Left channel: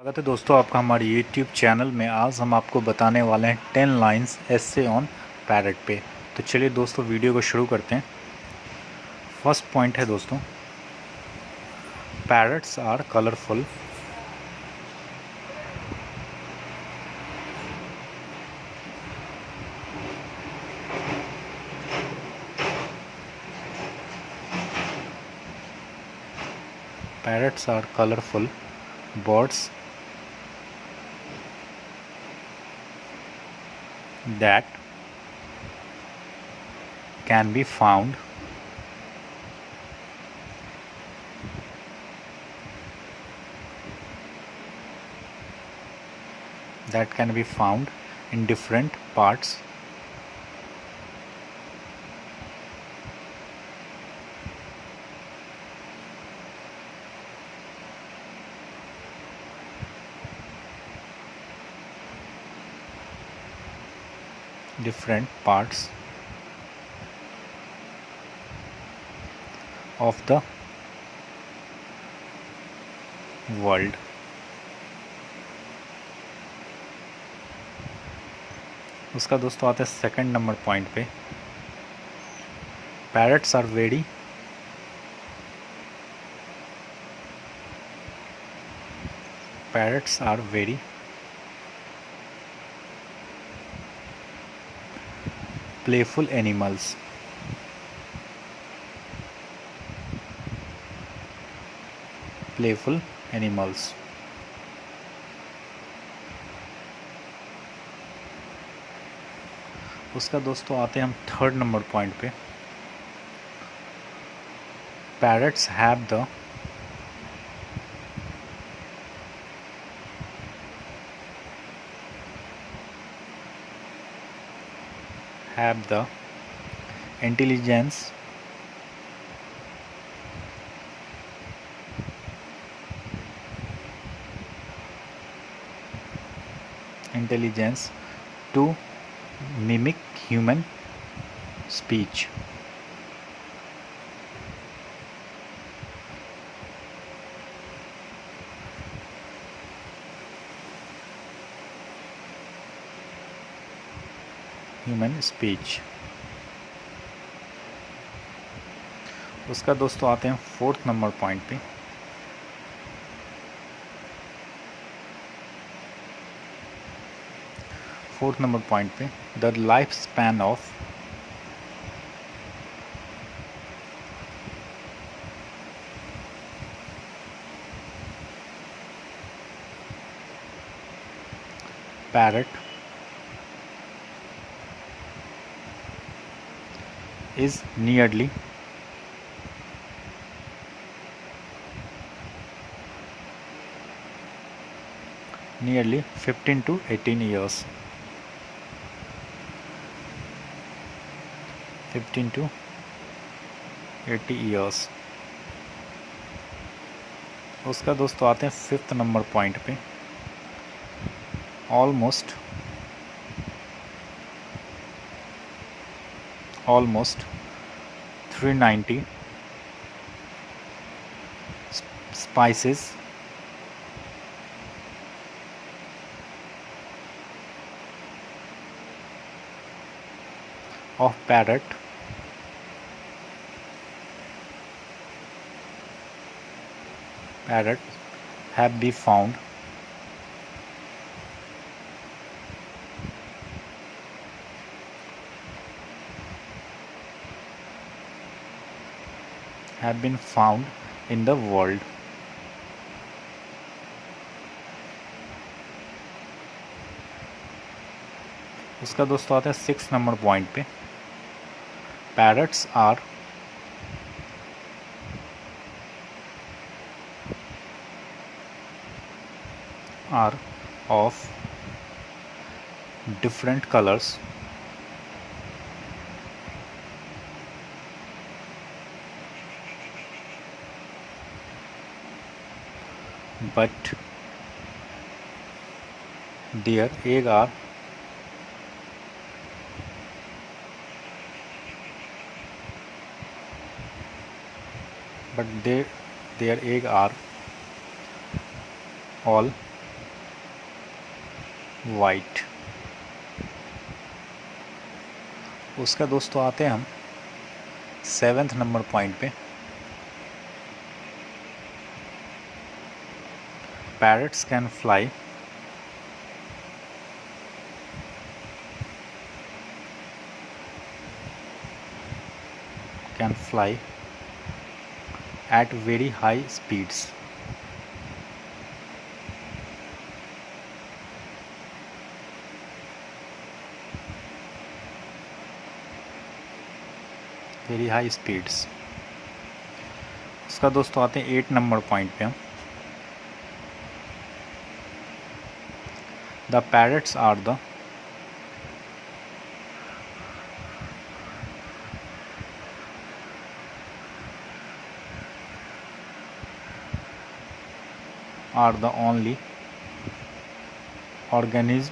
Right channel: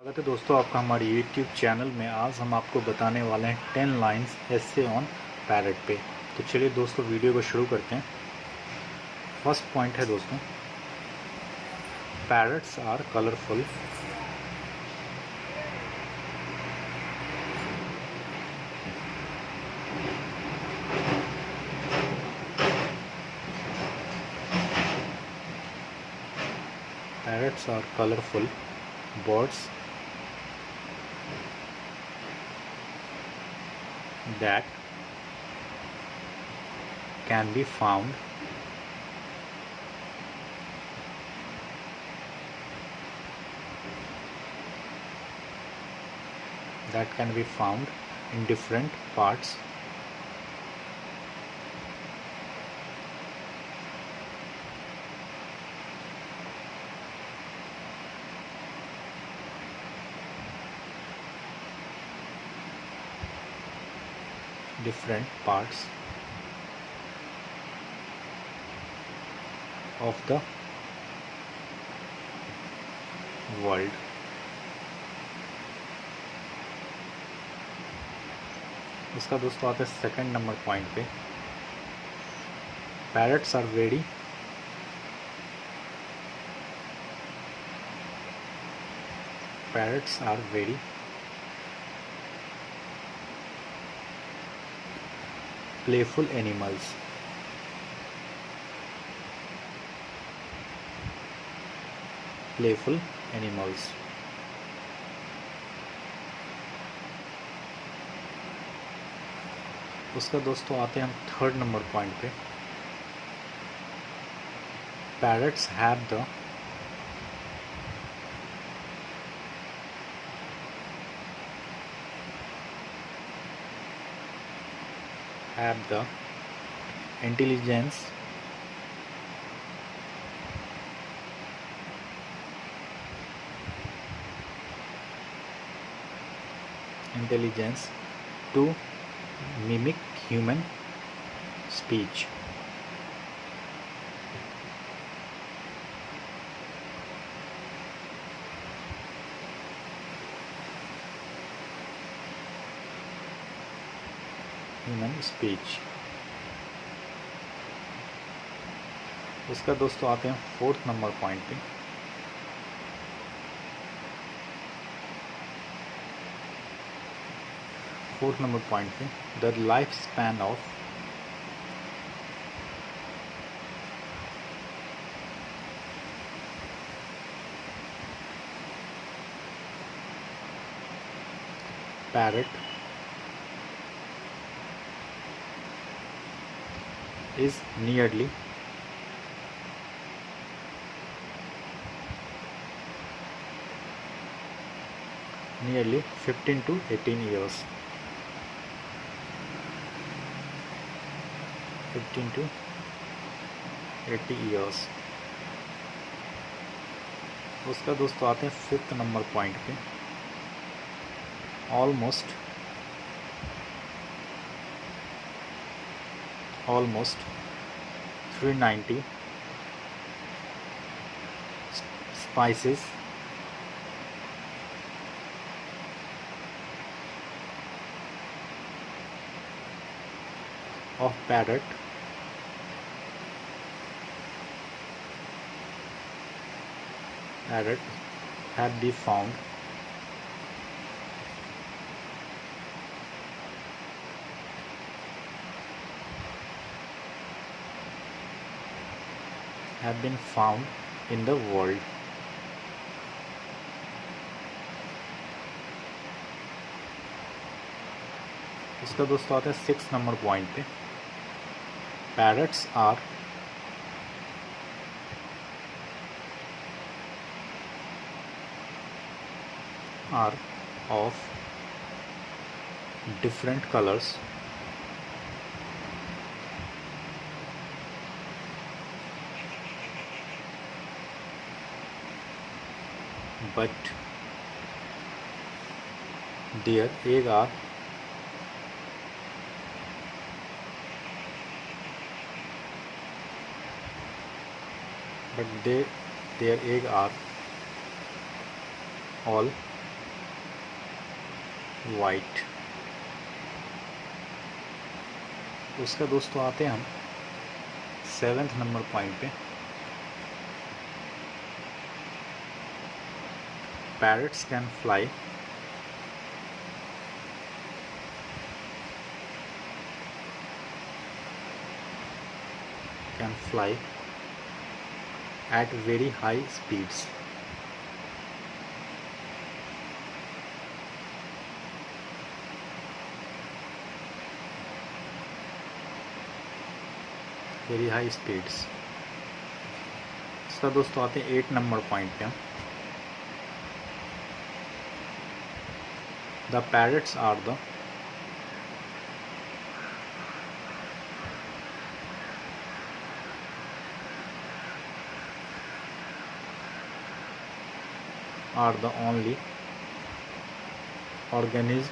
स्वागत है दोस्तों आपका हमारे YouTube चैनल में। आज हम आपको बताने वाले हैं 10 लाइंस ऐसे ऑन पैरट पे। तो चलिए दोस्तों वीडियो को शुरू करते हैं। फर्स्ट पॉइंट है दोस्तों, parrots are colourful. Parrots are colourful birds that can be found in different parts of the world। इसका दोस्तों आते हैं सेकंड नंबर पॉइंट पे। Parrots are very playful animals। उसका दोस्तों आते हैं हम थर्ड नंबर पॉइंट पे। Parrots have the intelligence to mimic human speech। उसका दोस्तों आते हैं फोर्थ नंबर पॉइंट पे। The life span of parrot is nearly 15 to 18 years। उसका दोस्तों आते हैं फिफ्थ नंबर पॉइंट पे। ऑलमोस्ट 390 species of parrot have been found in the world। इसका दोस्तों आता है सिक्स नंबर पॉइंट पे। Parrots are of different colors but their egg are all white. उसका दोस्तों आते हैं हम 7th नंबर पॉइंट पे। Parrots can fly at very high speeds. Very high speeds. इसका दोस्तों आते हैं 8 नंबर पॉइंट पे हम। The parrots are the only organisms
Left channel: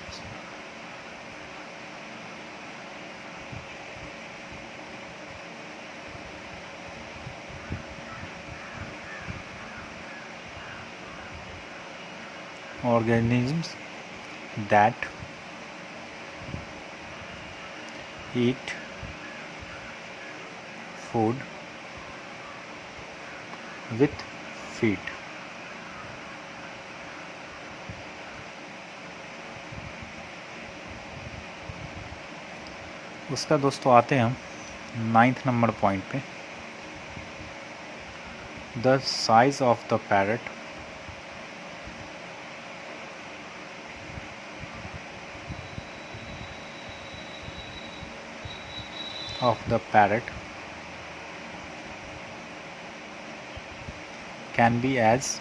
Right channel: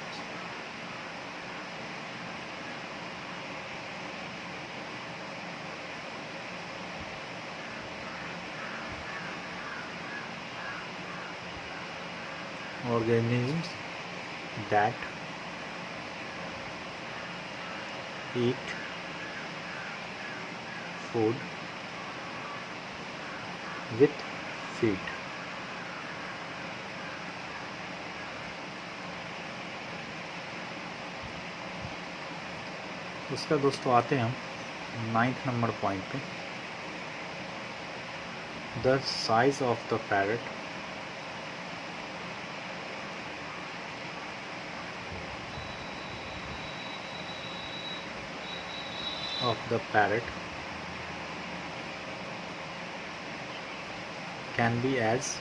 that eat food with feet. इसका दोस्तों आते हैं हम 9th नंबर पॉइंट पे। The size of the parrot can be as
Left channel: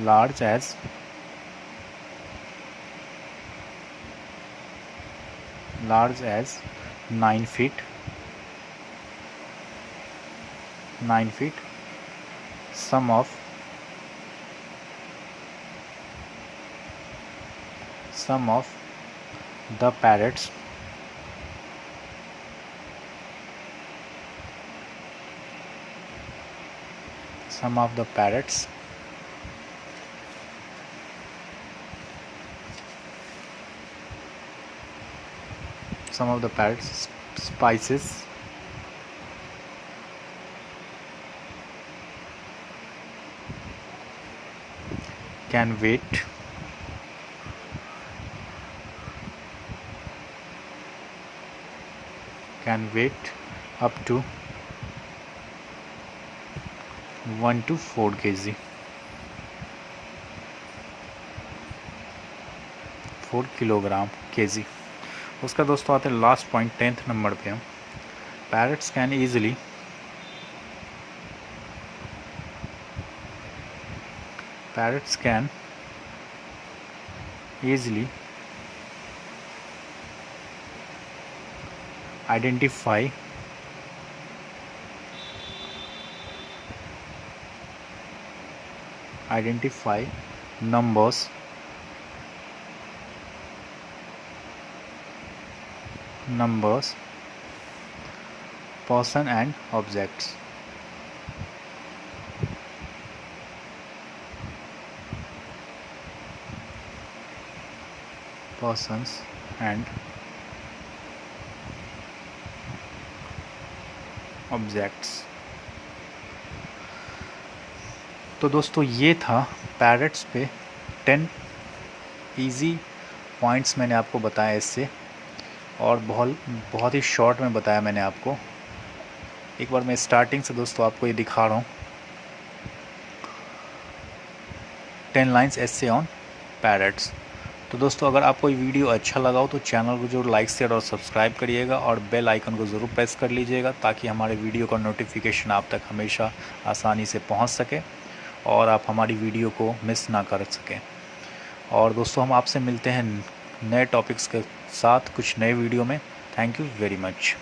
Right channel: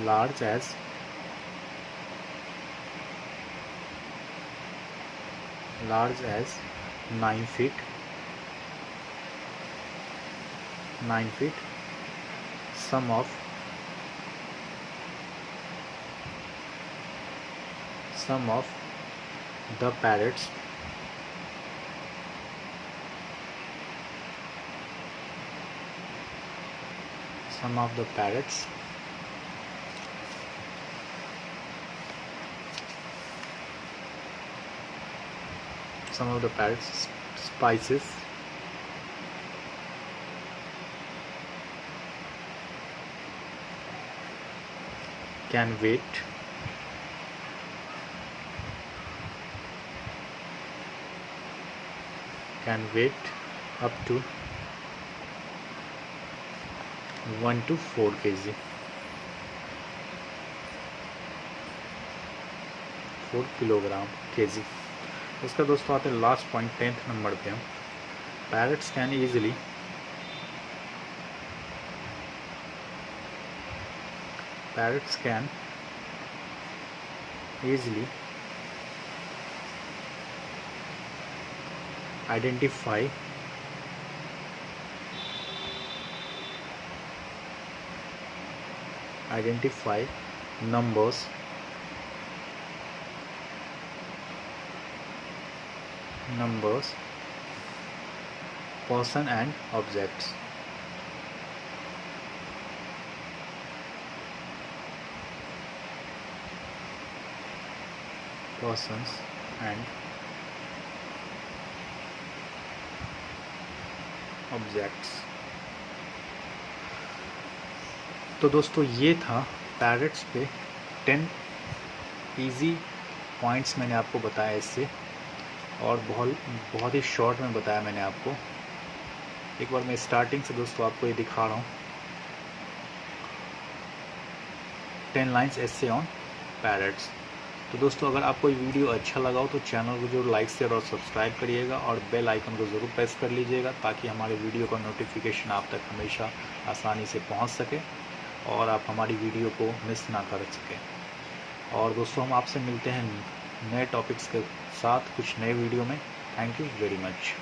large as 9 feet. Some of the parrots spices can weight up to 1 to 4 kg 4 kilogram kg। उसका दोस्तों आते हैं लास्ट पॉइंट 10th नंबर पे हम। Parrots can easily identify numbers person and objects। persons and objects। तो दोस्तों ये था पैरट्स पे 10 इजी पॉइंट्स मैंने आपको बताया इससे, और बहुत ही शॉर्ट में बताया मैंने आपको। एक बार मैं स्टार्टिंग से दोस्तों आपको ये दिखा रहा हूँ 10 लाइन्स एसे ऑन पैरट्स। तो दोस्तों अगर आपको ये वीडियो अच्छा लगा हो तो चैनल को जरूर लाइक शेयर और सब्सक्राइब करिएगा, और बेल आइकन को ज़रूर प्रेस कर लीजिएगा ताकि हमारे वीडियो का नोटिफिकेशन आप तक हमेशा आसानी से पहुंच सके और आप हमारी वीडियो को मिस ना कर सकें। और दोस्तों हम आपसे मिलते हैं नए टॉपिक्स के साथ कुछ नए वीडियो में। Thank you very much.